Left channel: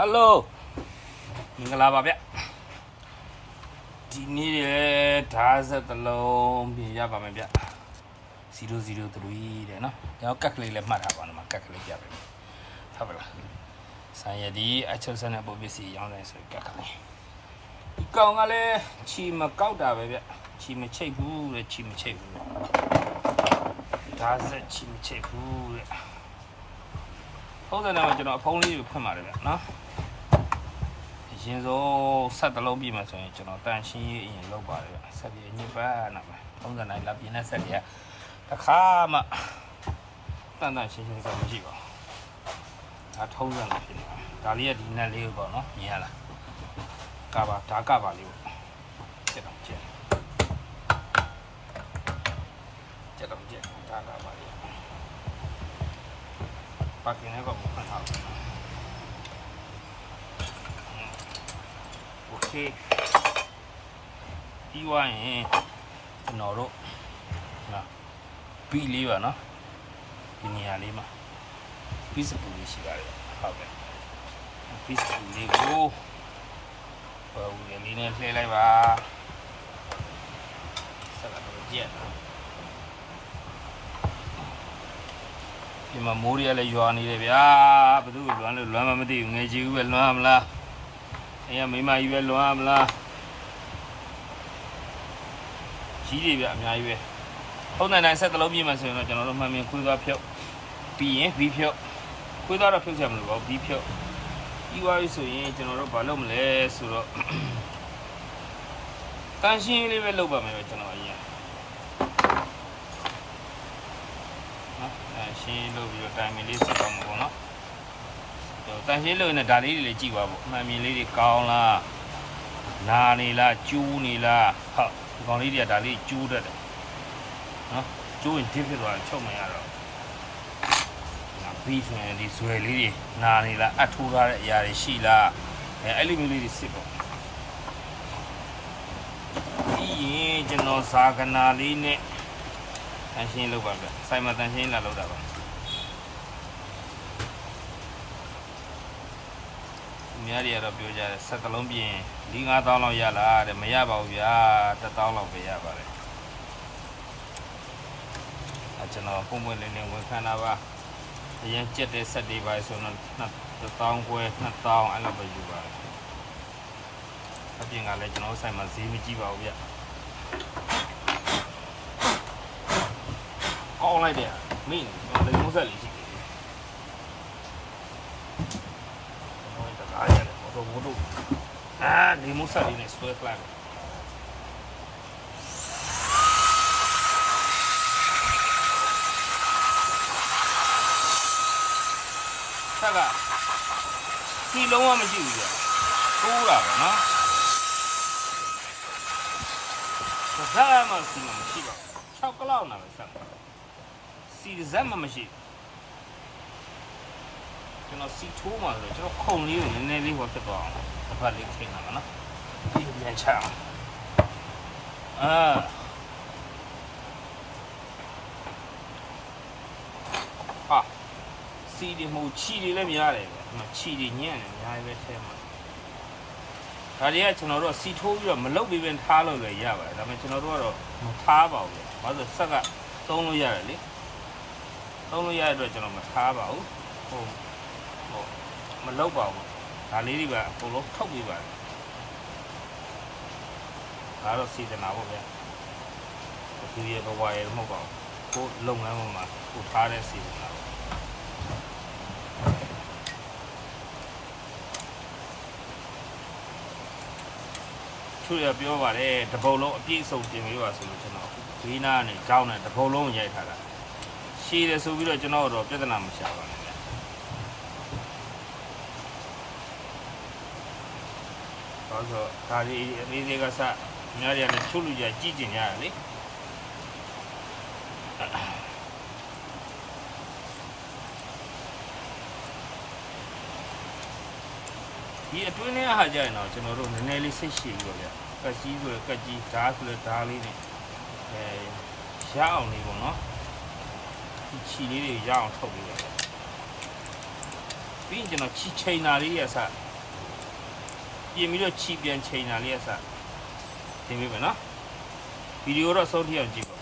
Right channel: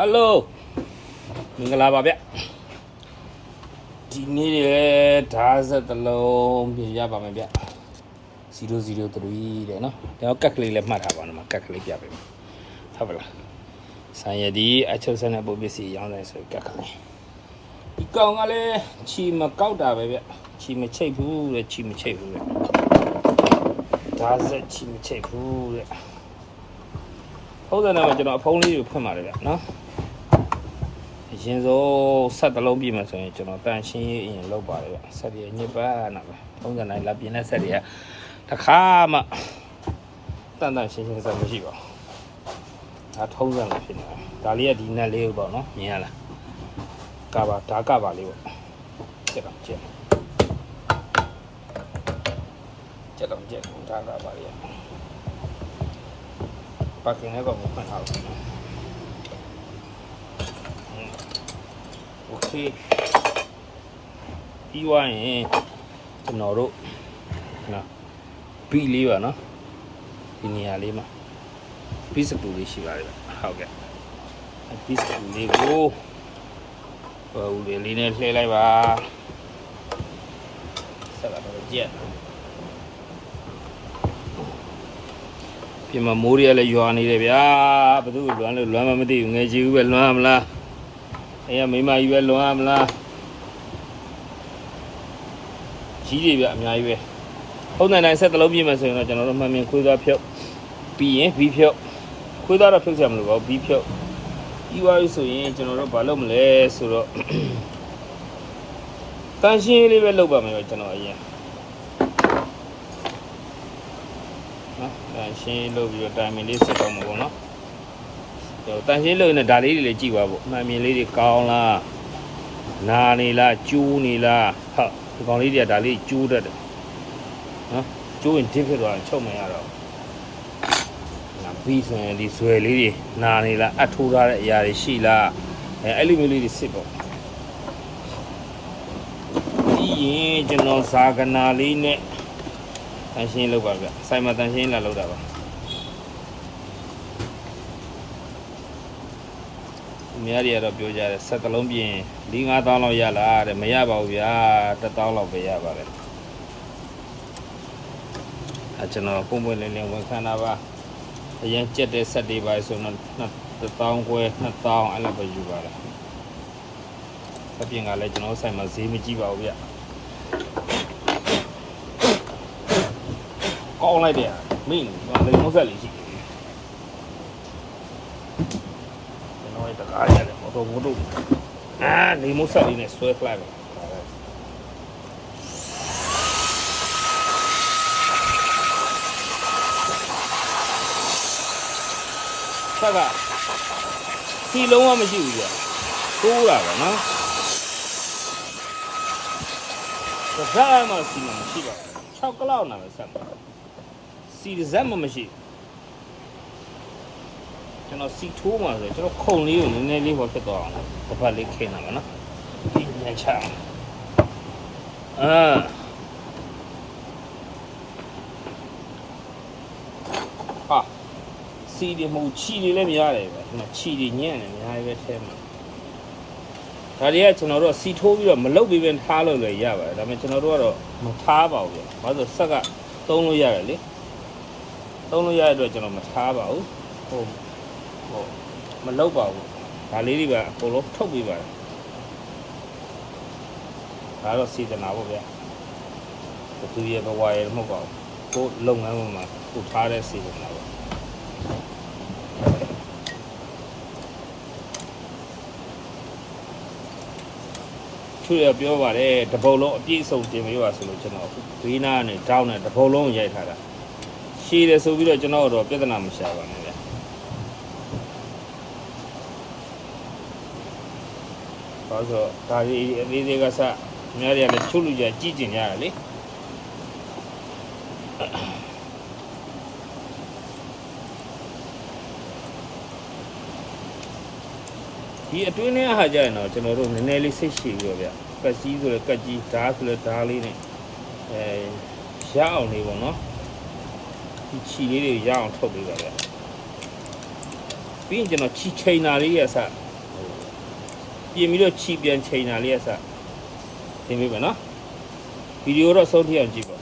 Hello မင်္ဂလာပါဗျဒီနေ့ရဲ့ဓာတ်စက်တစ်လုံးပြင်ရပါမယ်ဗျ003တဲ့နော်ကျွန်တော်ကတ်ကလေးလည်းမှတ်ထားပါတော့မှာကတ်ကလေးပြပေးမယ်ဟုတ်ပါလားဆိုင်ရည်အချက်ဆက်နဲ့ပုံပစ္စည်းရောင်းတယ်ဆိုကတ်ကလေးဒီကောင်ကလည်းချီမကောက်တာပဲဗျချီမချိတ်ဘူးတဲ့ချီမချိတ်ဘူးတဲ့ဓာတ်စက်ချီမချိတ်ဘူးတဲ့ဟုတ်တယ်နော်ကျွန်တော်အဖုံးလေးကိုဖွင့်ပါတယ်ဗျနော်ရင်စိုးဆက်တစ်လုံးပြည့်မယ်ဆိုရင်ကျွန်တော်တန်ရှင်းရေးအရင်လုပ်ပါတယ်ဗျဆက်ရညစ်ပါနာပါ30နိုင်လာပြင်းတဲ့ဆက်တွေကတစ်ခါမှတန်ရှင်းဆက်မရှိပါဘူးဒါထုံးစံလေးဖြစ်နေတာဒါလေးကဒီနက်လေးပေါ့နော်မြင်ရလားကပါဒါကပါလေးပေါ့ကျက်တော့ကျက်ဒါကပါလေးပါကင်းနဲ့ကောင်ကိုဖွင့်ထားတယ်โอเคပြီးသွားရင်ကျွန်တော်တို့နော်ဘီလေးပါနော်ဒီနေရာလေးမှာဘီစပူလေးရှိပါတယ်ဟုတ်ကဲ့ဘီစပူလေးကိုဟိုလေးနဲ့လှည့်လိုက်ပါဆက်လာတော့ကြက်ပြင်မှာမိုးရလည်းရွာနေတယ်ဗျာဘယ်သူလွမ်းလို့လွမ်းမှမသိဘူးငယ်ကြီးဦးပဲလွမ်းမလား哎呀，没买一百乱不啦？几里边买一百？后奶奶说的老皮嘛，所以呢，讲到慢慢回到票，币票，回到了票上面了，币票。以外有所以讲到把老么来说了，担心里边老板没有讲到一样。担心老比较担心的是什么呢？但是老呢，大理的计划不，慢慢里的高啦，哪里啦，猪里啦，好，讲里的大理猪的，猪问题是多，臭没呀了，那比上的水里的哪里啦，土拉的也是啦，里面里的是不，一就弄啥个哪里呢？担心老板个，谁嘛担心啦老大吧？များတွေကတော့ပြောကြတယ်ဆက်တလုံးပြင်4-5တောင်းလောက်ရလားတဲ့မရပါဘူးဗျာ1တောင်းလောက်ပဲရပါတယ်ကျွန်တော်ပုံပွင့်လေးနဲ့ဝန်ခံတာပါအရင်ကြက်တဲ့ဆက်တွေပါဆိုတော့1တောင်းခွဲ2တောင်းအဲ့လိုပဲယူပါတယ်အပြင်ကလည်းကျွန်တော်ဆိုင်မှာဈေးမကြည့်ပါဘူးဗျကောင်းလိုက်တယ်မင်းလည်းမဆက်လေးရှိ我都啊，你莫说你那说出来了。这个，西龙我们就有，多了呢。我啥嘛西龙西了，炒个老那么啥，西的什么么西。ကျွန်တော်စီထိုးမှာဆိုကျွန်တော်ခုံလေးကိုနည်းနည်းလေးပေါ်ဖြစ်သွားအောင်တစ်ပတ်လေးခင်းတာပါနော်ပြီးညချအောင်ဟာစီဒီမူချီတွေလည်းများတယ်ပဲဒီမှာချီတွေညံ့တယ်အများကြီးပဲထဲမှာဒါတွေကကျွန်တော်တို့စီထိုးပြီးတော့မလုတ်ပြီးပဲထားလို့လည်းရပါတယ်ဒါပေမဲ့ကျွန်တော်တို့ကတော့မထားပါဘူးဘာလို့ဆက်ကသုံးလို့ရတယ်လေသုံးလို့ရတဲ့အတွက်ကျွန်တော်မထားပါဘူးဟုတ်မလောက်ပါဘူးဒါလေးတွေကအကုန်လုံးထုတ်ပြီးပါတယ်ဒါတော့စီတနာပေါ့ဗျာသူရဲ့ဘဝရဲ့မဟုတ်ပါဘူးကိုလုပ်ငန်းမှာကိုထားတဲ့စီတနာပေါ့သူရပြောပါတယ်တပုတ်လုံးအပြည့်စုံတင်ပေးပါဆိုလို့ကျွန်တော်ဘေးနားနဲ့တောင်းနဲ့တပုတ်လုံးရိုက်ထားတာရှည်တယ်ဆိုပြီးတော့ကျွန်တော်တော့ပြဿနာမရှာပါနဲ့ဆိုတော့ဒါဒီအသေးသေးကစများတွေကလည်းချုပ်လူကြကြည့်ကျင်ကြရလေဒီအတွင်းထဲဟာကြရင်တော့ကျွန်တော်တို့နည်းနည်းလေးစိတ်ရှည်ပြီးတော့ဗျကတ်ကြီးဆိုလည်းကတ်ကြီးဓာတ်ဆိုလည်းဓာတ်လေးနဲ့ရအောင်လေးပေါ့နော်ဒီချီလေးတွေရအောင်ထုတ်ပေးပါဗျပြီးရင်ကျွန်တော်ချီချိန်တာလေးရစ ပြင်ပြီးတော့ခြိပြန်ချိန်တာလေးအစသင်ပေးမယ်နော်ဗီဒီယိုတော့ဆုံးထိအောင်ကြည့်ပါ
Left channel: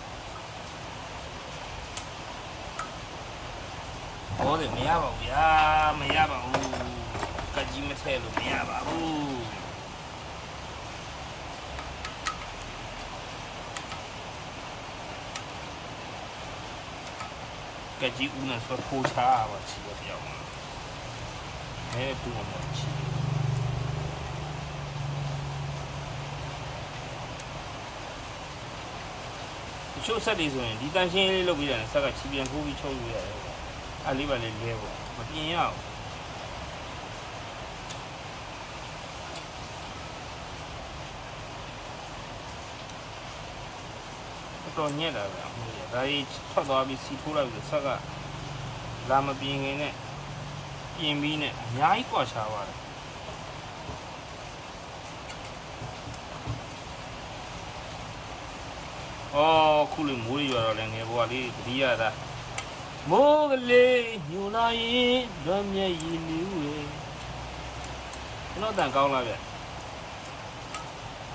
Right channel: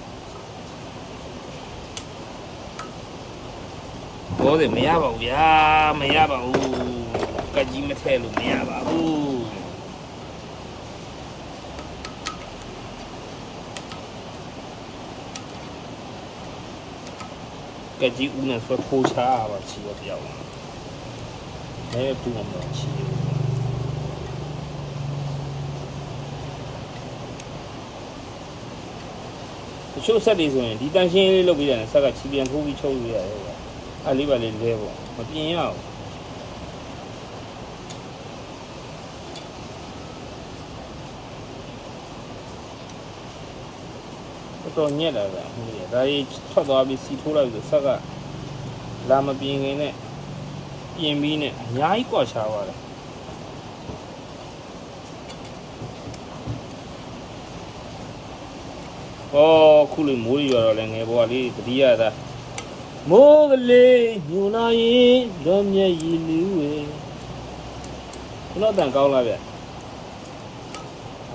တော့တယ်မရပါဘူးဗျာမရပါဘူးကကြီးမထည့်လို့မရပါဘူးကကြီးဦးနဲ့ဆိုထိုးချပါချီရပြောင်းမဲပူမှာချီတချို့ဆက်တွေဆိုရင်ဒီတန်ရှင်းလေးလုပ်ပြီးတယ်ဆက်ကချီပြန်ထိုးပြီးချုပ်လို့ရတယ်ဗျအဲ့လေးပါလေးလဲပေါ့မပြင်ရအောင်တော့ညက်တာဗျဟုတ်ပြီဒါကြီးထွက်သွားပြီးစီထိုးလိုက်ပြီးဆက်ကလာမပြင်ခင်နဲ့ပြင်ပြီးနဲ့အများကြီးကွာချသွားတယ်ဟောခုလေးမိုးရွာတော့လည်းငယ်ဘွားလေးတတိယသာမိုးကလေးညူလာရင်လွန်မြက်ရည်လူဝေဘလို့တန်ကောင်းလားဗျ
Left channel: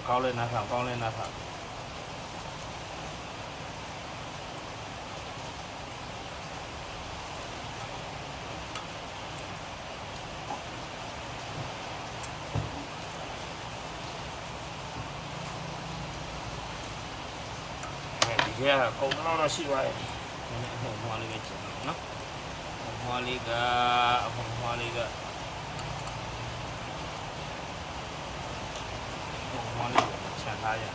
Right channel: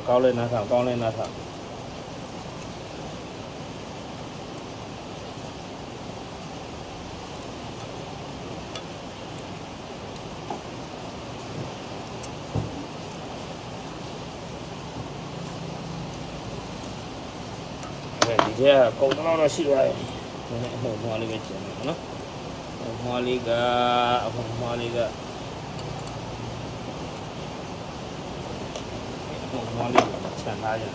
ကောင်းလဲနားထောင်ကောင်းလဲနားထောင်ဒီကပုံတော့ရှိသွားတယ်နည်းနည်းအမှုံးလေးပဲကျန်တယ်နော်အမှုံးလေးကချန်ထားရတယ်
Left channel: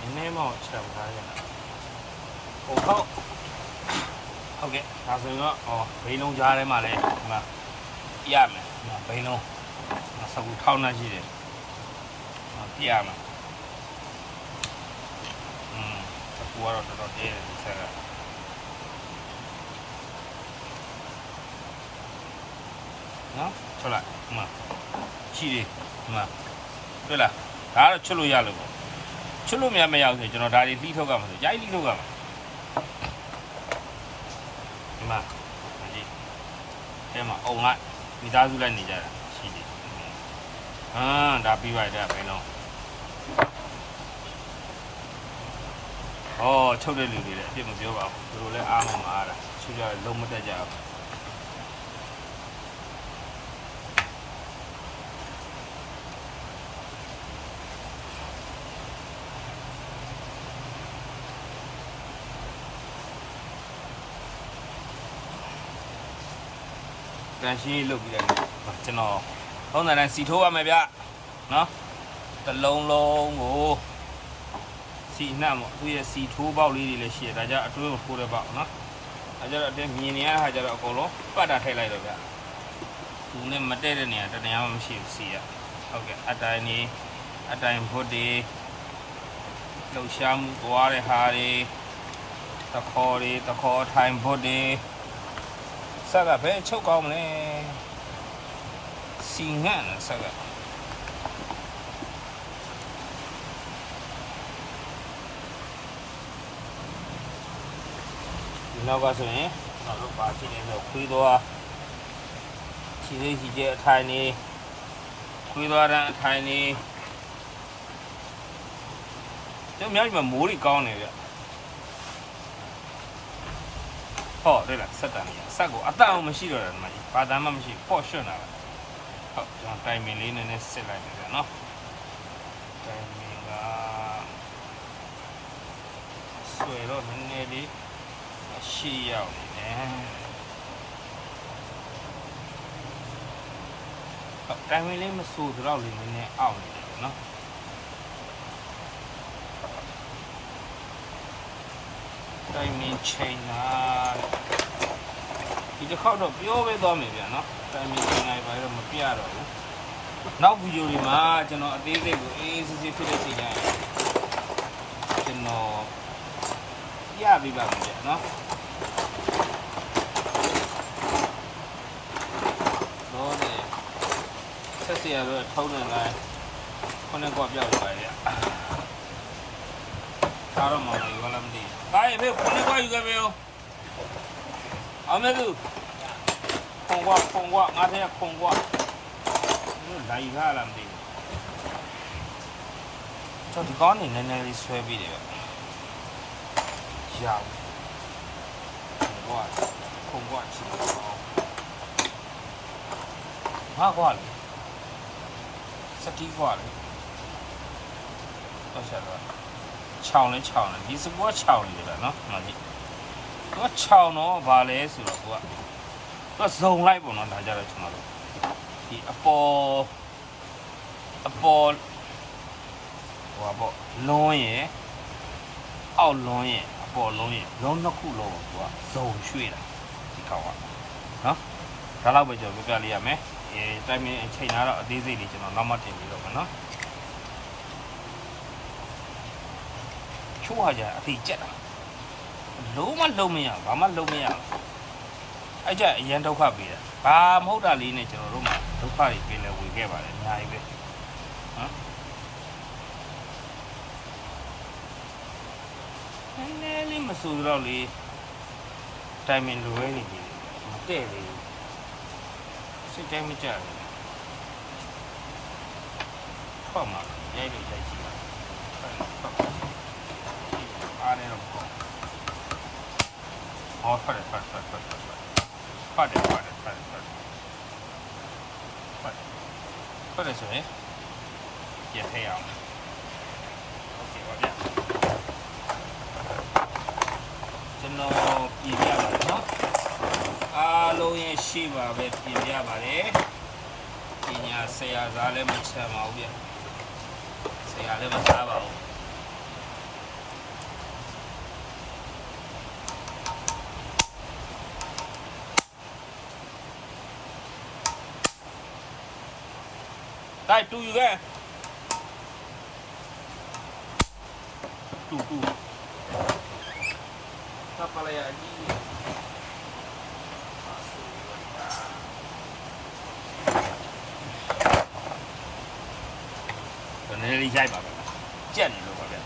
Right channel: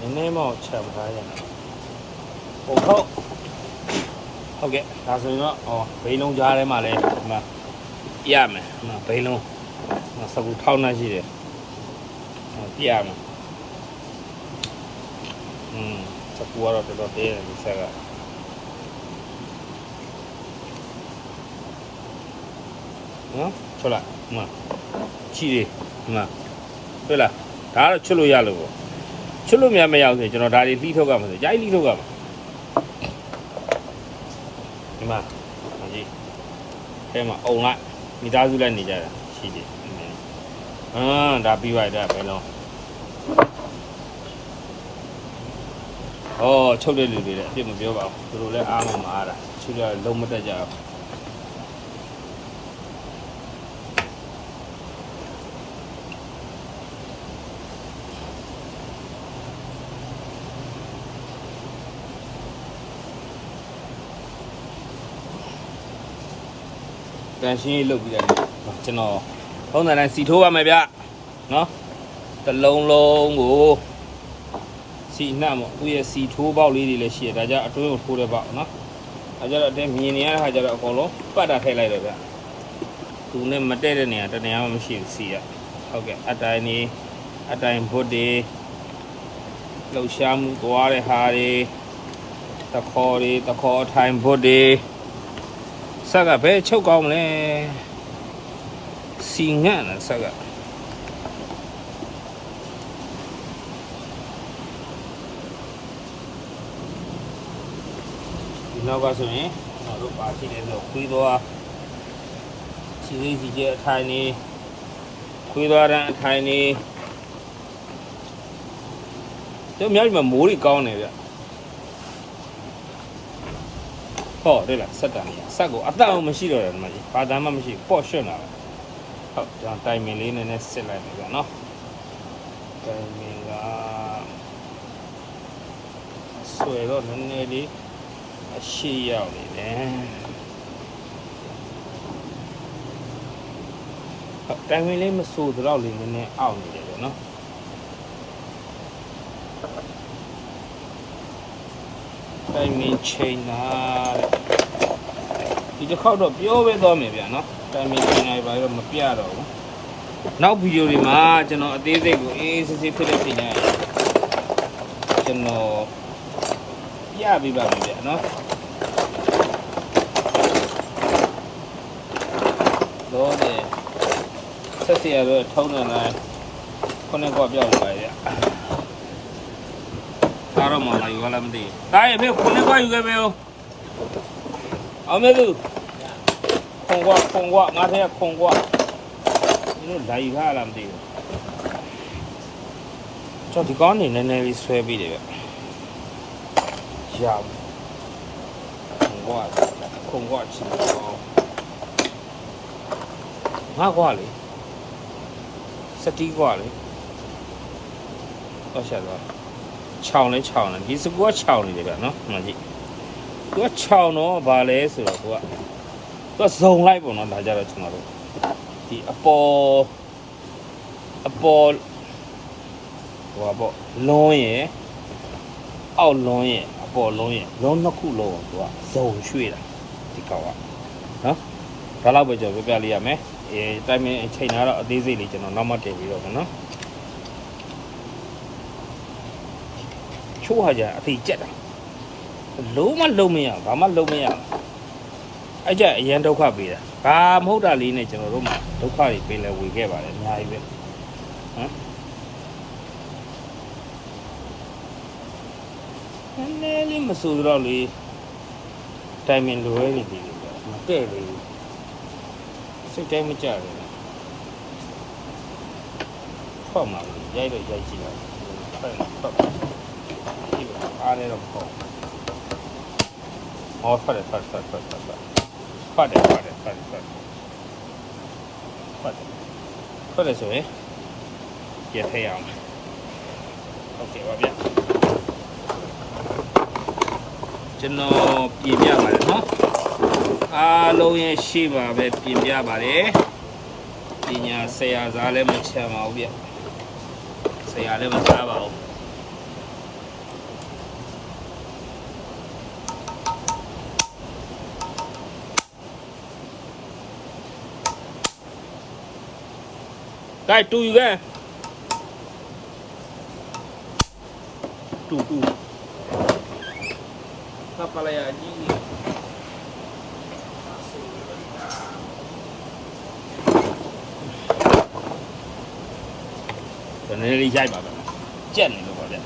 နည်းနည်းမှချန်ထားရတယ်ဟုတ်ကဲ့ဒါဆိုရင်တော့ဘိန်းလုံးကြားထဲမှာလည်းဒီမှာပြရမယ်ဒီမှာဘိန်းလုံးစကူထောက်နှက်ရှိတယ်ပြရမယ်စကူကတော့တော်တော်သေးတယ်ဒီဆက်ကနော်ဟုတ်လားဒီမှာချီတယ်ဒီမှာတွေ့လားဒါကတော့ချွတ်လို့ရလို့ပေါ့ချွတ်လို့မရအောင်ဆိုရင်ကျွန်တော်ဒါတွေလှီးထုတ်ရမှာဆိုကြိုက်လှီးထုတ်ရမှာဒီမှာကြည့်အဲမှာအုံကမိသားစုလည်းနေကြတာရှိတယ်ဒါပြီးသွားတယ်ဘယ်လုံးချုပ်တဲ့လူတွေလည်းအပြစ်မပြောပါဘူးသူတို့လည်းအားမအားတာရှိတယ်လုံးမတက်ကြဘူးတန်ရှင်းလုပ်ပြီးတယ်ကျွန်တော်ထုံးစံတိုင်းစီထိုးပါမယ်ဗျနော်တစ်လုံးလုံးကိုစီနှံ့ပေါ့သူရဲ့စီထိုးပေါက်လေးတွေလည်းရှိတယ်ဒါကြောင့်အတွင်းကိုထိုးတဲ့ပေါက်နော်ဒါကြောင့်အတင်းမြင်နေရတဲ့ခါကျတော့အကုန်လုံးပတ်တာထည့်လိုက်တော့ဗျသူနဲ့မတည့်တဲ့နေရာတနေရာမှမရှိဘူးစီရဟုတ်ကဲ့အတိုင်းဘုတ်တွေလှုပ်ရှားမှုသွားတဲ့ဟာတွေတခေါ်ထိုင်ဘုတ်တွေဆက်ကဘယ်ချုပ်ကောင်းလဲစီငန့်လားဆက်ကဒီနောက်ကဆိုရင်နောက်တော့ပါရှိတယ်လို့ခွေးသွားခြေစိတ်ကြီးအထိုင်နေခွေးသွားတဲ့အထိုင်နေကျအများကြီးမိုးတွေကောင်းနေဗျ对了，ဆက်တန်ဆက်ကိုအတအောင်မရှိတော့တယ်ဒီမှာကြီးဘာတမ်းမှမရှိပေါ့ရွှွတ်လာတယ်ဟုတ်ဒါတိုင်မင်လေးနဲ့စစ်လိုက်မယ်ဗျာနော်တိုင်မင်ကဆွဲတော့နည်းနည်းလေးအရှိရောက်နေတယ်တိုင်မင်လေးမဆိုးတော့လေးနည်းနည်းအောက်နေတယ်ဗျာနော်တိုင်မင်ချိန်မှာဒီတစ်ခေါက်တော့ပြောပဲသွားမယ်ဗျာနော်တိုင်မင်ချိန်လိုက်ပါတော့မပြတော့ဘူးနောက်ဗီဒီယိုတွေမှာကျွန်တော်အသေးစိတ်ကိုအေးစစ်စစ်ဖြစ်တဲ့ချိန်တိုင်းကျွန်တော်ပြပေးပါမယ်ဗျာနော်တော့တယ်ဆက်စီရတော့ထုံးနေလိုက်ခုနကပြောက်လာပါဗျာ လာယူလာမသိတားရဲ့မေခွန်လေးသွားယူခဲ့မေအောင်အောင်မေသူခုံကွာငါထဲကခုံကွာလာယူလာမသိကျွန်တော်ဒီကောင်းနေနည်းနည်းလေးဆွဲပြီးတယ်ဗျရခုံကွာချင်ငါကွာလေစတီးကွာလေတော့ရှာတော့ခြောင်လဲဒီစကူကခြောင်နေတယ်ဗျနော်မှန်ကြည့်သူကခြောင်တော့ဗာလဲဆိုတော့သူကဇုံလိုက်ပေါ့နော်ဒါကြတော့ကျွန်တော်တို့ဒီအပေါ်ဟိုပါပေါ့လွန်းရဲ့အောက်လွန်းရဲ့အပေါ်လွန်းရဲ့လွန်းနှစ်ခုလုံးသူကဇုံရွှေ့တာဒီကောက်ကနော်ဒါတော့ပဲကျွန်တော်ပြပြလေးရမယ်တိုင်းမင်းအချိန်တော့အသေးစိတ်လေးကျွန်တော်နောက်မှတင်ပြီးတော့မယ်နော်ချိုးဟာကြအသေးကြက်တာလုံးမလုံးမရဘာမှလုံးမရအဲ့ကြအရန်ဒုက္ခပေးတာဘာမဟုတ်တာလေးနဲ့ကျွန်တော်တို့မှာဒုက္ခတွေပေးလဲဝေခဲ့ပါတယ်အများကြီးပဲဟမ်နည်းလေးမဆူတော့လေတိုင်မင်လွယ်နေပြီမတဲ့လေစိတ်တိုင်းမကြဘူးဖတ်မှာရိုက်ကြည့်ပါဖတ်အားလည်းတော့ပေါ့ဟောဖတ်တယ်ဆိုရင်ရထည့်အောင်โอเคပါဗျကျွန်တော်ပြင်ပြပါတယ်နော်အားလုံးရဲ့ရှိပါပဲပြင်ပြပါတယ်ပညာဆရာစားလည်းမချမ်းပါဘူးဗျဆရာလည်းမစားပါဘူးได้တူယူခဲ့တူသပ်ပလာရကြီးဒါနဲ့လေးရိုက်ပါပဲကြက်နေလို့ပါဗျ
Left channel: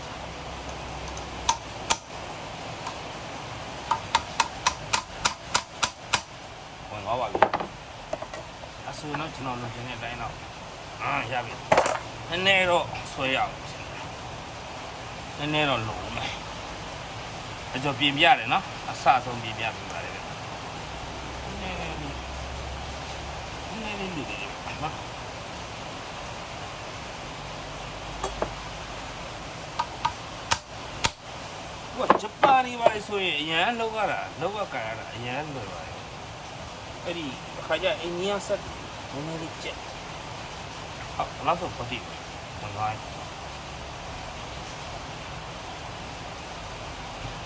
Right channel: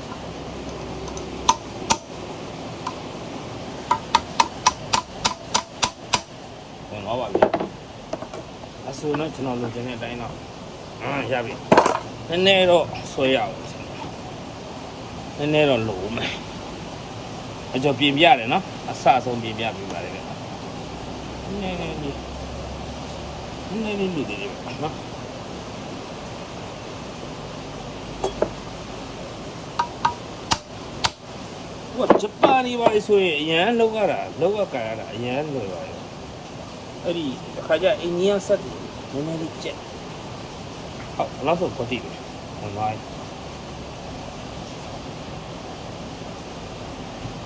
ဝင်တော့ပါပြီအဆိုတော့ကျွန်တော်လိုချင်တဲ့အတိုင်းတော့ရပြီနည်းနည်းတော့ဆွဲရအောင်နည်းနည်းတော့လိုမယ်အကျော်ပြင်ပြတယ်နော်အစဆုံးပြင်ပြပြပါတယ်ဗျနည်းနည်းလေးနော်ဟိုဂျပန်ဒီပါဆိုရင်အရန်လောက်ကကန်ရတာအရန်လွယ်ပါတယ်အဲ့ဒီအခါကျအိန္ဒိယဆက်တယ်နည်းနည်းလေးကျက်နောက်ဆုံးပတ်တည်ဝင်သွား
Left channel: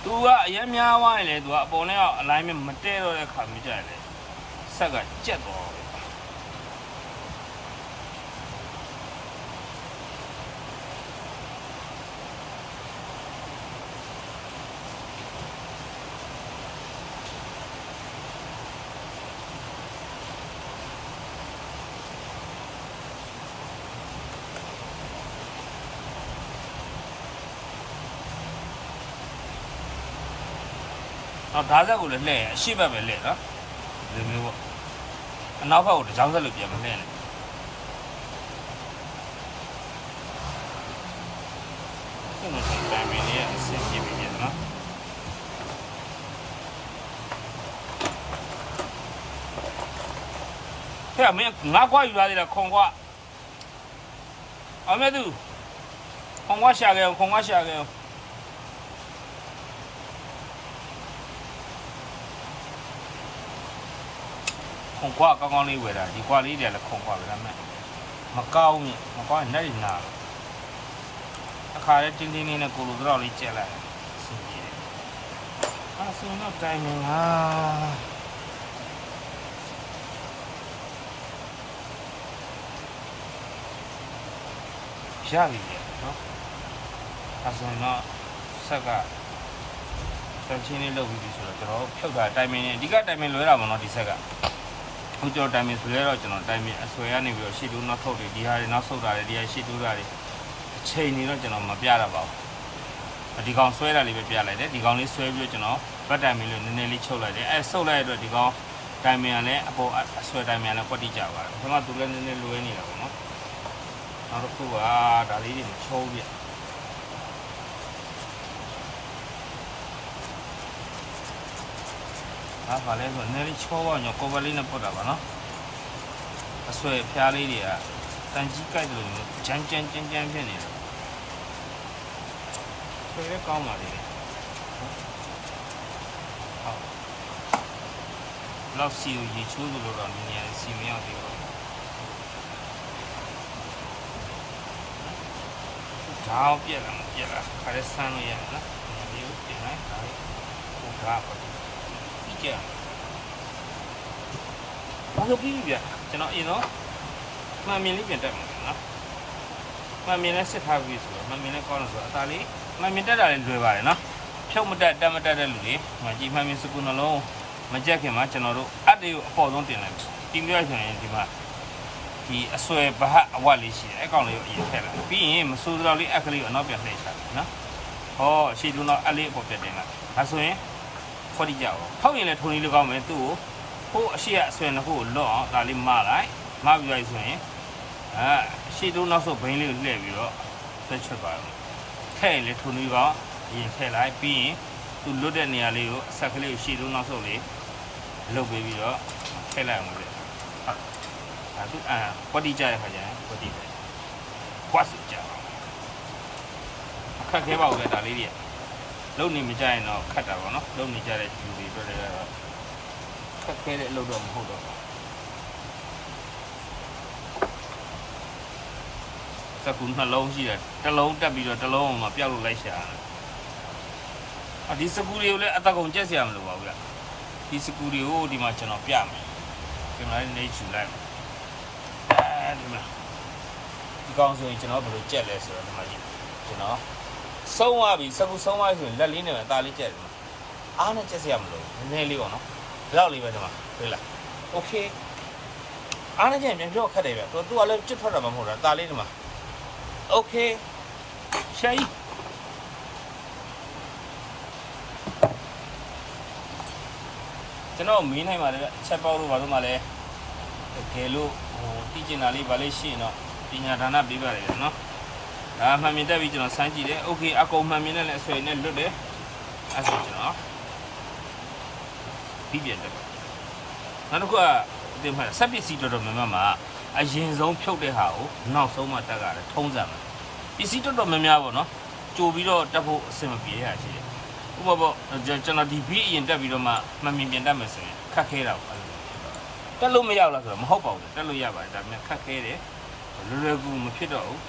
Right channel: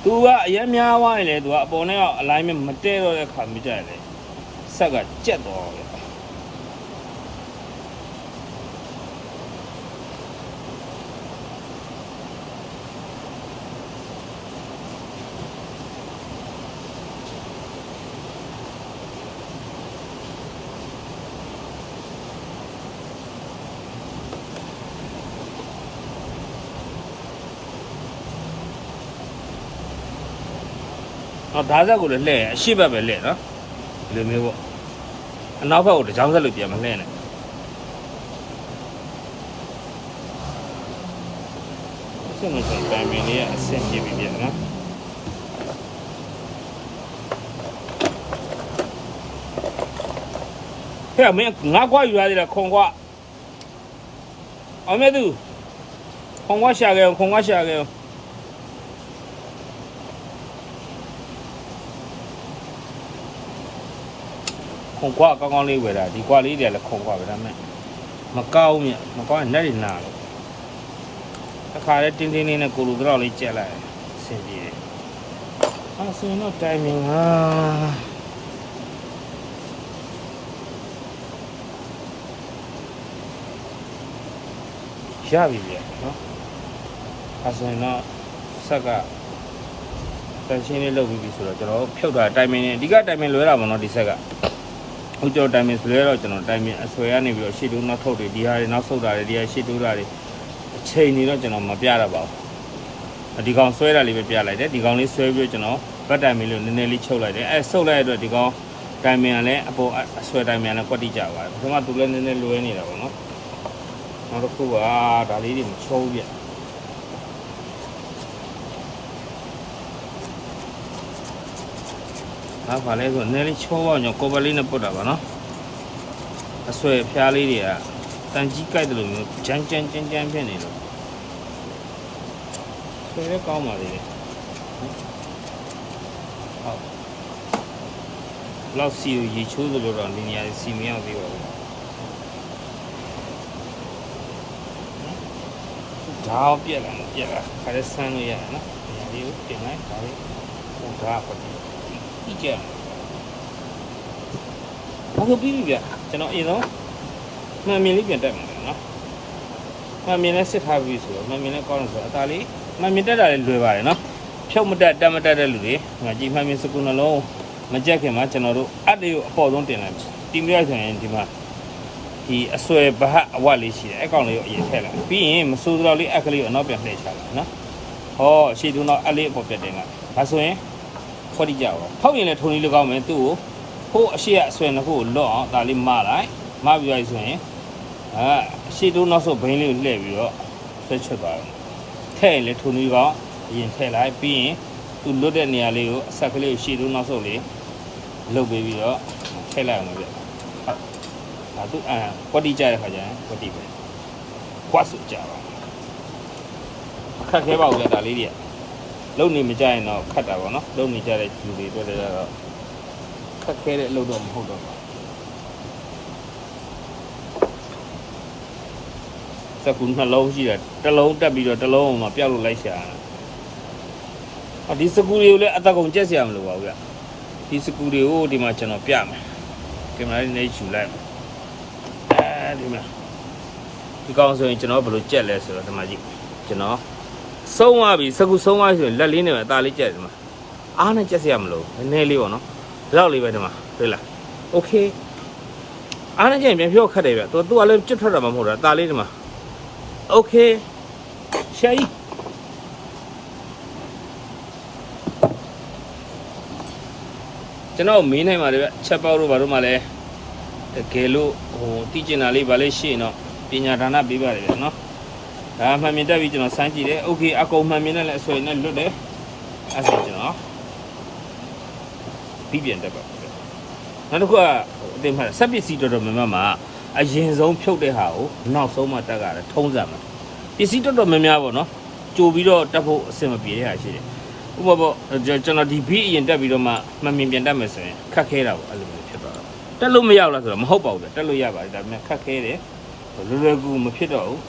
သူကအရင်များသွားရင်လေသူကအပေါ်နဲ့ကအလိုင်းမဲ့မတဲတော့တဲ့ခါမြကြရလေဆက်ကကြက်သွားတယ်ဒါဆက်ကိုလည်းလှည့်အရှိဘက်ပဲလှည့်နော်လူမျိုးပေါ့အနောက်ဘက်ကိုတကြောင်ဆက်လို့ပြန်မလှည့်နဲ့အစင်းနဲ့တိုင်မင်းလေးကအဆင်ပြေပြီပြန်နော်ဟဲ့မင်းငါကွာယူရသေးလားခုံကွာအမေသူခုံကွာရှာခဲ့အောင်ခုံကွာကောင်းလေးဝယ်တာဒီကွာလေးတွေလည်းခုံကွာပဲဒါမဲ့မကောင်းမြတ်မကောင်းရင်လက်တွေနာတခါလဲတင်းတင်းလေးနဲ့ကိုလူတော့လေးကြက်လိုက်အဆင်ပြေတယ်အဲ့ဆိုတော့တိုင်မင်ဟာရပြီလေနော်အဲ့ဆိုတော့ဆက်ကတန်ရှင်းလေးလုပ်ပြီးပြီဆိုတော့ကျွန်တော်ဖြုတ်တာတိုင်မင်အဓိကတိုင်မင်လွဲတာပေါ့နော်ဒီဆက်ကဟုတ်ကျွန်တော်တိုင်မင်လွဲတော့ကျွန်တော်တိုင်မင်အဆွဲရနေပြီးတော့ရှေ့တိုးနောက်ထုတ်တွေဒီဟာတွေနောက်ဆုတ်တာတွေဒီဟာရှေ့တိုးတာတွေအချိန်နေတော့ကျွန်တော်မပြရပါဘူး ဒီကောင်ဆွဲတာလေးပဲပြလိုက်တယ်ဒီကောင်လေးဆွဲပြီးကျွန်တော်ဘတ်တိုင်မင်းလေးနည်းနည်းလေးချုပ်လိုက်တယ်အဲဆုပ်လိုက်တဲ့အတွက်ဒီကောင်တိုင်မင်ကလည်းအပေါ်အဆွဲတိုင်မင်ကလည်းကွက်တိကြပါတယ်ကျွန်တော်သူလည်းနည်းနည်းလွဲနေတာပေါ့နော်နောက်တစ်ခုကဒါလေးတွေချုံးပြနောက်ပါလဲဆိုနည်းနည်းချုံးအောင်ညကိုဗလေးနဲ့ပုတ်တာပါနော်အဆွဲဖျားလေးတွေကတန်ကြီးကြိုက်တယ်လို့မျိုးကြမ်းဖြစ်နေတယ်ဆွဲလည်းကောင်းပါလေလောက်စီကိုရေချိုးသလိုတော့ဒီနေရာစီမရောက်သေးပါဘူး။ဒါအောင်ပြက်လာမပြက်လာခါရဲဆန်းလို့ရတယ်နော်။ဒီကိုတင်လိုက်ဒါလေးဟိုဒါပဲ။ကြည့်ကြ။ဘာလို့ပြီးပြီဗျ။ကျွန်တော်အရင်တော့မှန်မြင်လေးပြန်တက်မှာနော်။မှန်မြင်လေးစစ်ထားပြီးဆိုတော့မှန်မြင်လေးကောင်းလို့ဆိုတော့အသားလေးမှန်မြင်တက်တာလည်းလွယ်ပါတယ်နော်။ဖြုတ်မတက်တက်မတက်တဲ့လူတွေဒီမှာကြည်မှန်မြင်စကူနှလုံးမကြက်ခင်မှာကျွန်တော်တို့အတ္တကိုအပေါ်ဆုံးတင်လိုက်မယ်။တင်ပြရဆိုရင်ဒီမှာဒီအဆွဲဘဟအဝတ်လေးရှိတယ်အကောင်လေးကိုအရင်ထည့်လိုက်ပြီးရင်မစိုးတော့လေးအခလေးကိုအနောက်ပြန်လှည့်ချလိုက်နော်ဟောအရှိတူတော့အလေးအပေါ်ပြတ်တင်လိုက်ဒါဆိုရင်ခွက်တိကြအောင်ဖောက်ရင်လည်းထုံလေးလေးကောင်းမယ်သူ့ကိုဟိုအရှိကအဆွဲနှစ်ခုကိုလော့အောင်ဒါလေးမလိုက်မပြီးရဆိုရင်အရှိတူနောက်ဆုံးဘိန်းလေးကိုလှည့်ပြီးတော့ဆွဲချွတ်ပါတော့ထည့်ရင်လည်းထုံလေးကောင်းအရင်ထည့်လိုက်ပြီးရင်သူလွတ်တဲ့နေရာလေးကိုအဆက်ကလေးကိုရှိတူနောက်ဆုံးလေးလှုပ်ပြီးတော့ထည့်လိုက်အောင်ဗျသူကွက်တိကြရခါကျရင်ကွက်တိပဲခွတ်စုကြပါခက်ခဲပါဦးလေဒါလေးတွေလုံနေမကြရင်တော့ခတ်တာပေါ့နော်လုံနေကြတဲ့ဂျူတွေတွေ့ရတော့ခက်ခဲတဲ့အလုပ်တော့မဟုတ်တော့ပါစကူနှလုံးရှိတယ်တစ်လုံးတက်ပြီးတော့တစ်လုံးမှာပြောက်လို့လိုက်ရှာဒီစကူတွေကိုလည်းအသက်ကုန်ကျက်เสียမလို့ပါဘူးဗျဒီစကူတွေကိုဒီမှာကျွန်တော်ပြမယ်ဒီမှာလေးနေယူလိုက်ဒီကောင်ဆိုရင်ကျွန်တော်ဘယ်လိုကြက်လဲဆိုတော့ဒီမှာကြည့်ကျွန်တော်ဆုံးသွားပြီစကူဆုံးသွားဆိုရင်လက်လေးနဲ့ပဲအသားလေးကြက်တယ်မှာအားနဲ့ကြက်စရာမလိုနည်းနည်းလေးပေါ့နော်ဒီလောက်လေးပဲဒီမှာတွေ့လားโอเคအားနဲ့ကြက်ရင်ပြန်ဖြောခတ်တယ်ဗျသူကလည်းကြက်ထွက်တာမှမဟုတ်တာအသားလေးဒီမှာโอเคရှာကြီးကျွန်တော်မင်းနိုင်ပါလေဗျချက်ပေါက်တို့ဘာလို့မှလဲတကယ်လို့ဟိုတီးကျင်တာလေးဗာလေးရှိရင်တော့ပညာဒါနပေးပါတယ်ဗျာနော်ဒါမှန်မြင်တက်ပြီးကျွန်တော်စမ်းကြည့်တယ်โอเคအကုန်မှန်မြင်နဲ့လည်းအဆွေနဲ့လွတ်တယ်အဲ့ဆိုကျွန်တော်ပြီးပြန်တက်ပါနောက်တစ်ခုကအတင်မှာစက်ပစ္စည်းတော်တော်များများမှာအရင်ဆုံးဖြုတ်တဲ့ဟာကိုနောက်ဆုံးမှတက်ရတယ်ထုံးစံမှာပစ္စည်းတော်တော်များများပေါ့နော်ကြိုပြီးတော့တက်ဖို့အဆင်မပြေတဲ့ဟာရှိတယ်ဥပမာကျွန်တော်ဒီဘီအရင်တက်ပြီးတော့မှမှန်မြင်ပြန်တက်မယ်ဆိုရင်ခက်ခဲတာပေါ့အဲ့လိုဖြစ်သွားတော့တက်လို့မရဘူးလားဆိုတော့မဟုတ်ပါဘူးတက်လို့ရပါတယ်ဒါပေမဲ့ခက်ခဲတယ်လွယ်ကူမဖြစ်တော့ဘူး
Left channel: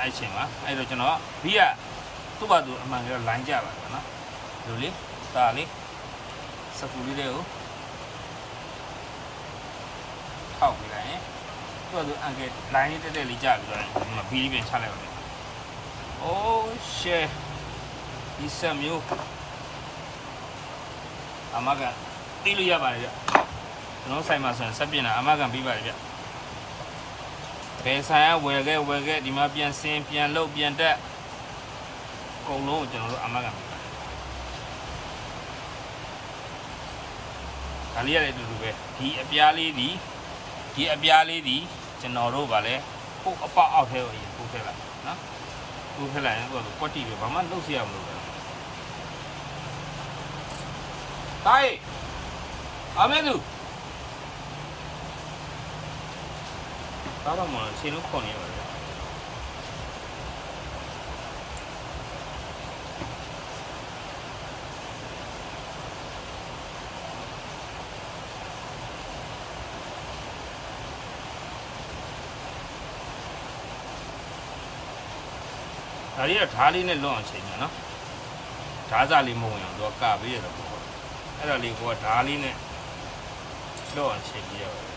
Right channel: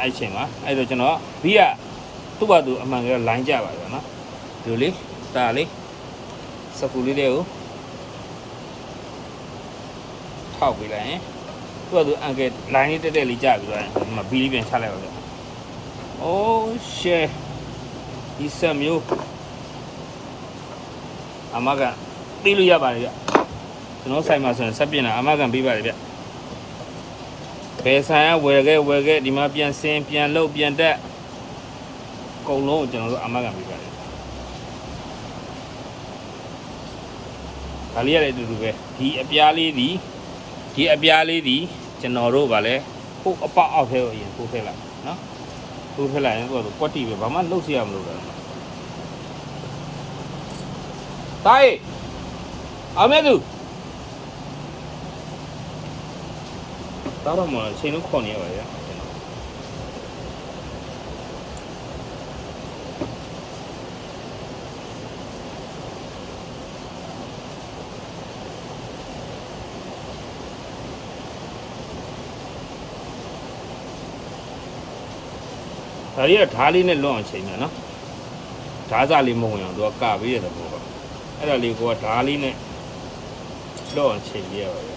အဲ့ချိန်မှာအဲ့တော့ကျွန်တော်ဘီကသူ့ဘာသူအမှန်ကလိုင်းကြပါတော့နော်ဒီလိုလေးဒါလေးစပူလေးတွေကိုထောက်ပြီးလိုက်ရင်သူ့ဘာသူအန်ကယ်လိုင်းလေးတက်တက်လေးကြပြီးတော့ဒီမှာဘီလေးပြန်ချလိုက်ပါတော့အိုးရှယ်ဒီဆက်မျိုးအမကပြီးလို့ရပါတယ်ဗျကျွန်တော်ဆိုင်မှာဆိုရင်ဆက်ပြင်တာအမကန်ပြီးပါတယ်ဗျဘယ်ဆိုင်ကဝယ်ခဲ့ဒီမှာပြန်စင်ပြန်လုတ်ပြန်တက်အကုန်လုံးကိုကျွန်တော်တို့အမကန်ပြီးပါတယ်ဒါလေးရတဲ့အတူတူပဲဒီအပြားလေးဒီကျွန်တော်တို့ကလည်းဟိုအပအောက်ထဲကိုအရင်ပို့ထည့်လိုက်နော်ပို့ထည့်လိုက်ရင်ကိုယ်ကွက်တီပဲဘာမှလုတ်စီရမလို့ပဲတိုင်းအမေတို့တော့မှရှင်းလို့ခေါ်နေရပါလေဒါရီကဓာလေးနဲ့လွတ်အောင်ချိန်တယ်နော်ဓာစားလေးမဟုတ်ရင်သူကကပေးရတော့ပေါ့အဲ့ဒါလေးကိုကဓာလေးနဲ့လွတ်အောင်ချိန်ပြရပါတယ်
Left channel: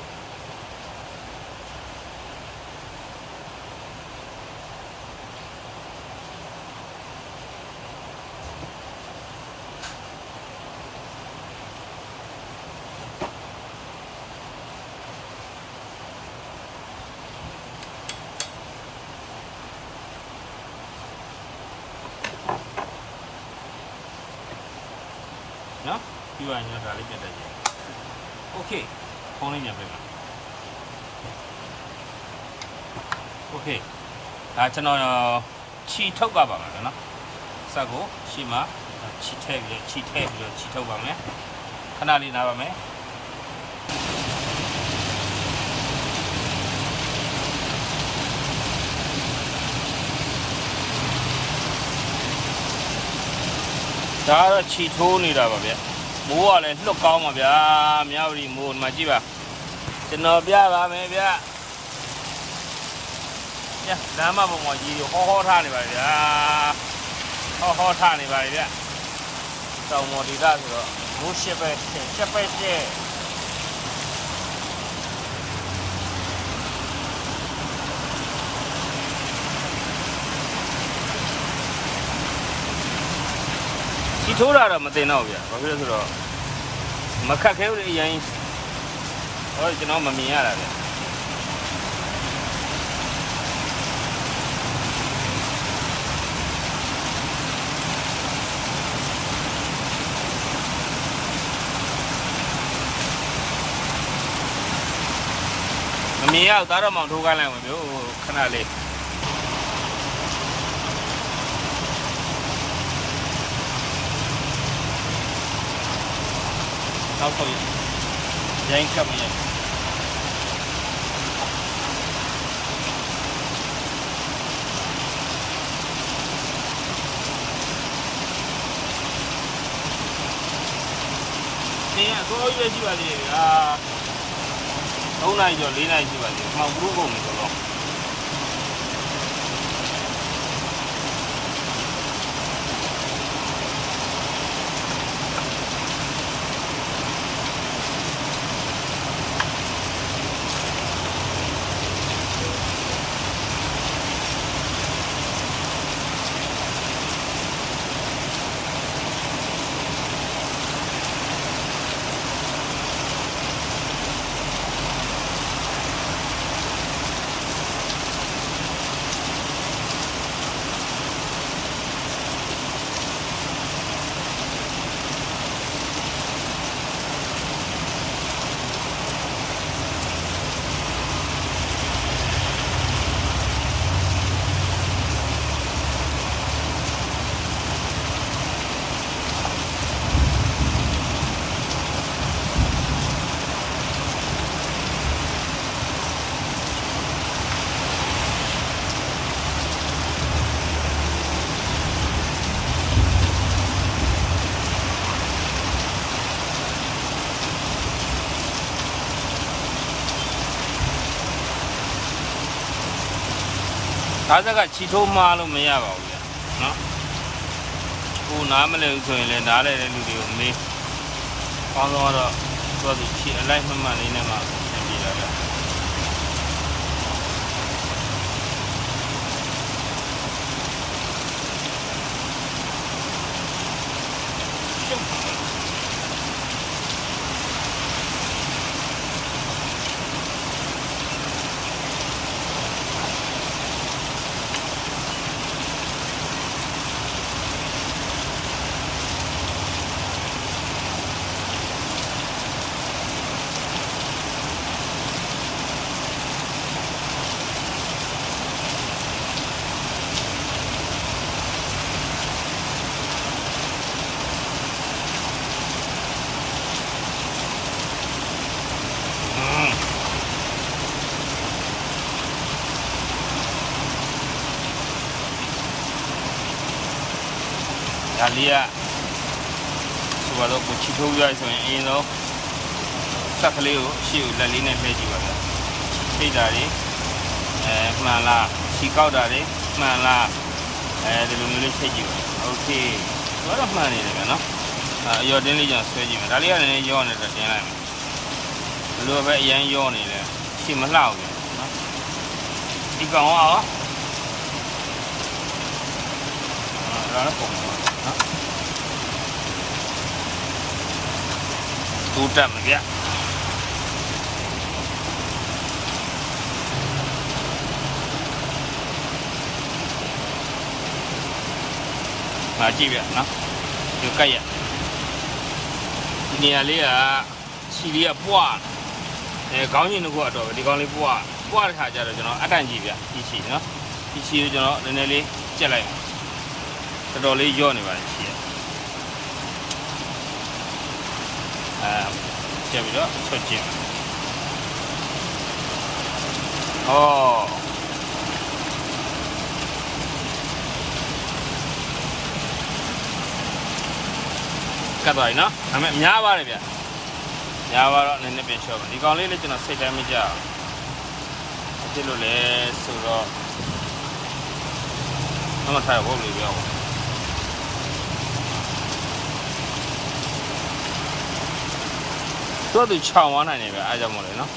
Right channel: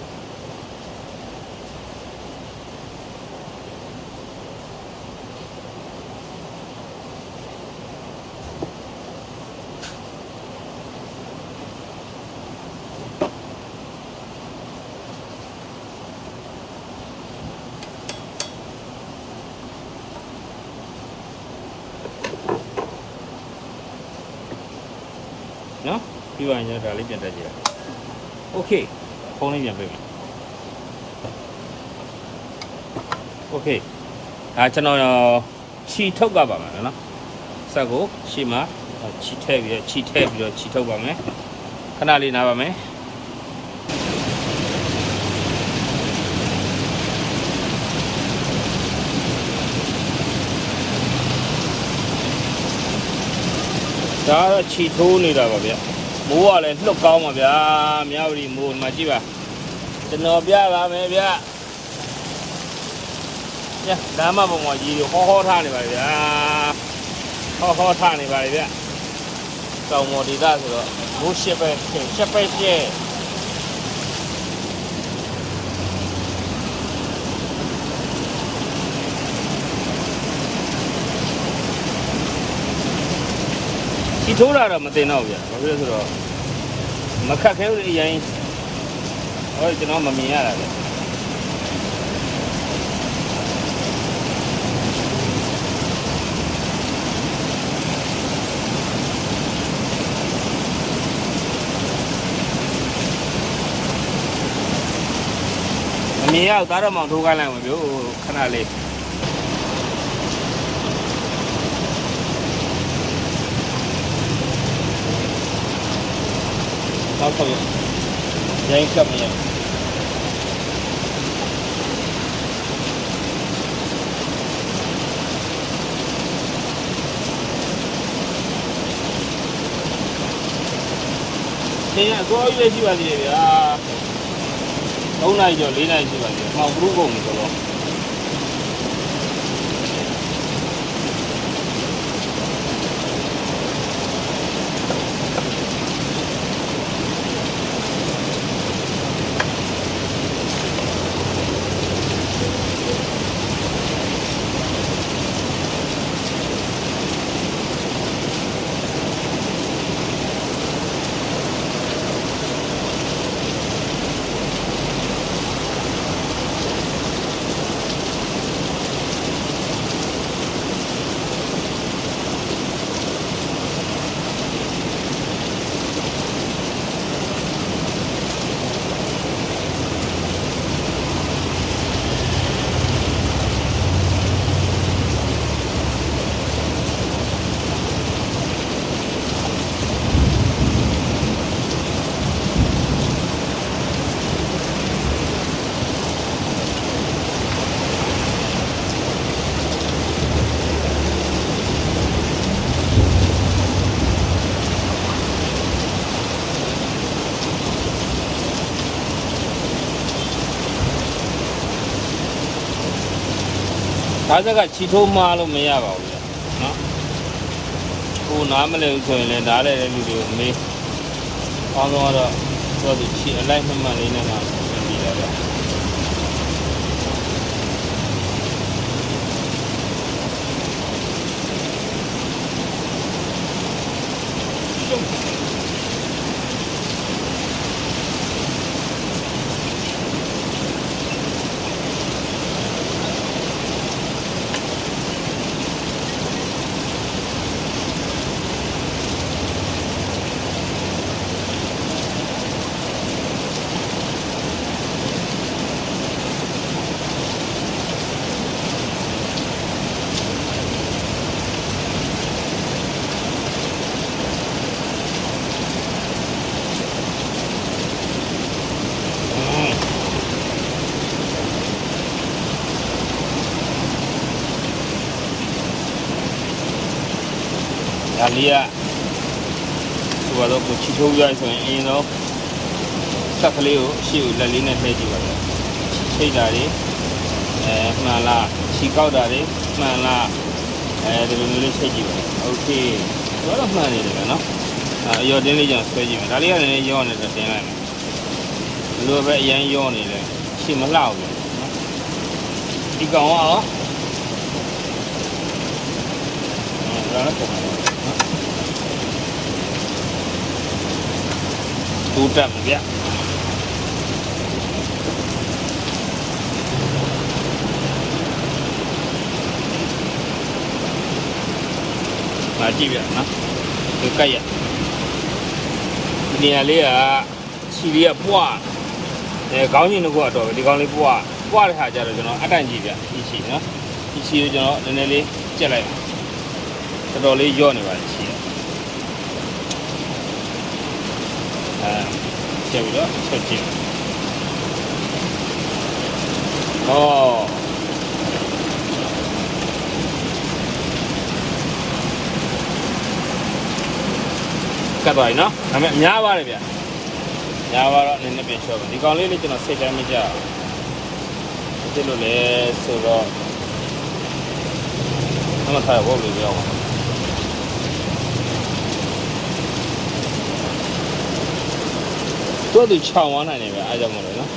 နော်ပြီးသွားရင်ဒါလေးပြန်တက်ကြည့်โอเคဖုန်းလေးပြန်ပေးโอเคဒါကျွန်တော်ခြီထုတ်ပါမယ်နော်ဆက်ကိုရှေ့မှာခြီထည့်ပြီးတော့ခြီထုတ်ပါမယ်ခဏလေးနားပါမယ်ဒါတော့ခြီထိုးနေတာပါဗျမိုးကလည်းလှုပ်ကောင်းပါဗျာမြဝတီမိုးဒီမှာကြည့်ပါကျွန်တော်ပြပါမယ်ဗျညလမ်းမပုံမှာကြီးဟောထားနေပါဗျာဟောထားနေပါဗျတောင်မော်ဒေသဆိုတော့မိုးရှက်ပဲရှက်ဒီထိုးတာတော့မတင်တော့ဗျာဘာဖြစ်လို့ဆိုတော့မခက်ခဲဘူးလေအရင်ဟောကျွန်တော်မမြင်ရတာလေမမြင်ရသားတော့မောင်ထိုးခိုင်းလိုက်မှာဗျို့ခဏလေးနောက်ဆုံးရိုင်းကပ်မြင်ဒီကအကောရွေးရှိပါသေးတယ်ဗျာ3 နာရီကျော်4 နာရီရှိပါသေးတယ်မှောင်ဘူးကုန်ပြီဆိုတော့ဒါစကခြီထိုးမှားလို့မရပါဘူးဗျာနော်ဟိုနားမလဲဘူးဆိုရင်လည်းနားလဲတဲ့လူတွေကိုမေးအောင်းတော့သူခြီအလိုက်မှန်လေးနဲ့မှပြင်ပြတာဗျာဒါလေးကဟိုတော့ကိုချီထိုးရဆိုရင်အရင်တော့စက်ကလေးကိုရှေ့ကိုလက်လေးနဲ့လှည့်ကြည့်ပါဗျာထိတ်တာတွေမှန်လားချီကောက်တာတွေမှန်လားဒီလိုမျိုးလေးထိတ်ကြည့်ပါโอเคတော့မှန်နေတယ်ဗျာနော်အရော်တင်းလေးကြောင့်ဆွဲကြည့်မယ်ဒါလေးကလည်းရောနေတယ်တင်လိုက်မယ်ဘယ်လိုပဲအရင်ရောနေလဲရှေ့မလှဘူးနော်ဒီကောင်ရောဒါလည်းပုံနော်တူတက်မှာဗျမာကြည့်ဗျနော်ဒီကြိုက်ရ ဒီနေရာလေးကခြေလေးကပွားခေါင်းချင်းတစ်ခုကတော့ပဲဒီကောင်လေးပွားတဲ့ဟာကြတော့ကျွန်တော်အတိုင်ကြီးပြခြေနော်ဒီခြေကိုကျွန်တော်နည်းနည်းလေးကျက်လိုက်တော်တော်လေးရော့နေပါတယ်ခြေကျက်ပြီးတော့ထွက်ကျင်ဟောကတ်သွားပြီနော်ဒါပေမဲ့များပါတယ်ဗျများပါတော့နည်းနည်းပြန်လျှော့ပါဒီကောင်လေးလည်းကျွန်တော်စိတ်တိုင်းမကြဘူးဒီလိုလေဆိုတော့ဘာမှထားရဖို့လို့ပြောပါတော့ဒီချောင်းဝမ်းနိုင်နေပဲအားကြောင့်မလို့နော်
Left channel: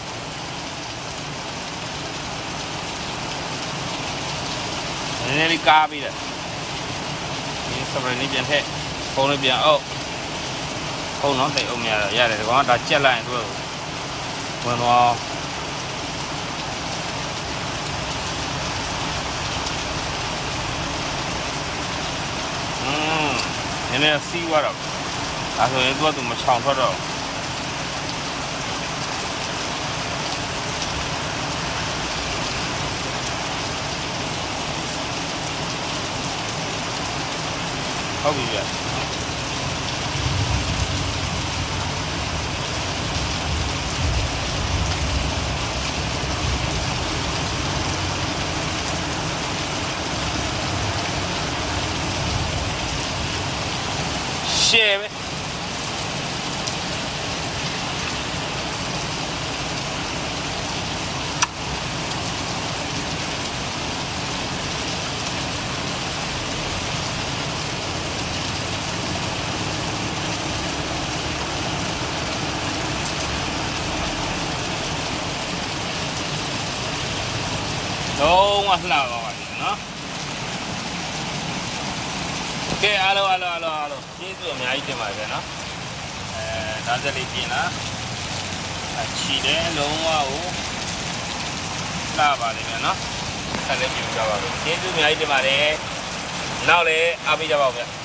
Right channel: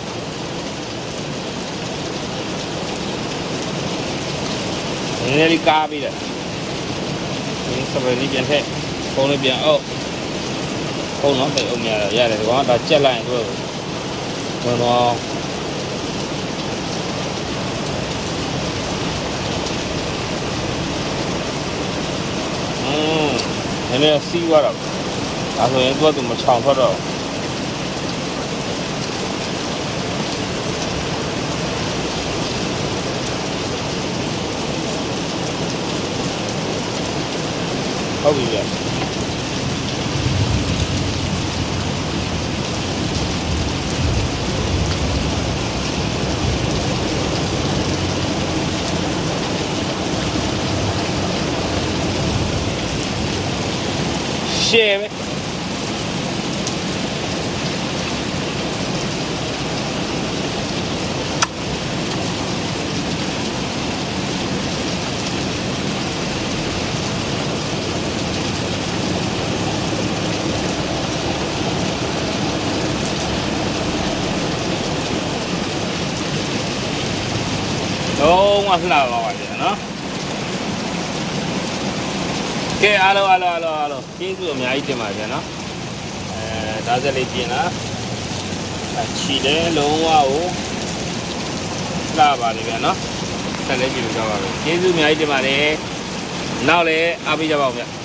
နည်းနည်းလေးကားပြီးတယ်ဒီစပယ်လေးပြန်ထည့်ပုံလေးပြန်အောက်ပုံတော့တိတ်အောင်များရတယ်ဒီကောင်ကဒါကြက်လိုက်ရင်တို့ဝင်တော့နည်းနည်းစီးသွားတော့ဒါဆိုရင်သူမချောင်ထွက်တော့ဟုတ်ပြီဗျရှယ်ပဲလုံးဝလှပါပါဗျာနော်ကဲအားလုံးကျေးဇူးအများကြီးတင်ပါဗျာနော်ဒါစလေးပြင်လာချီတယ်လုံးဝကိုလှပါလေဗျာနော်ဆက်လက်ကြည့်ကြပါဦးကျေးဇူးအများကြီးတင်ပါတယ်နောက်လည်းအားပေးကြပါဦးဗျာ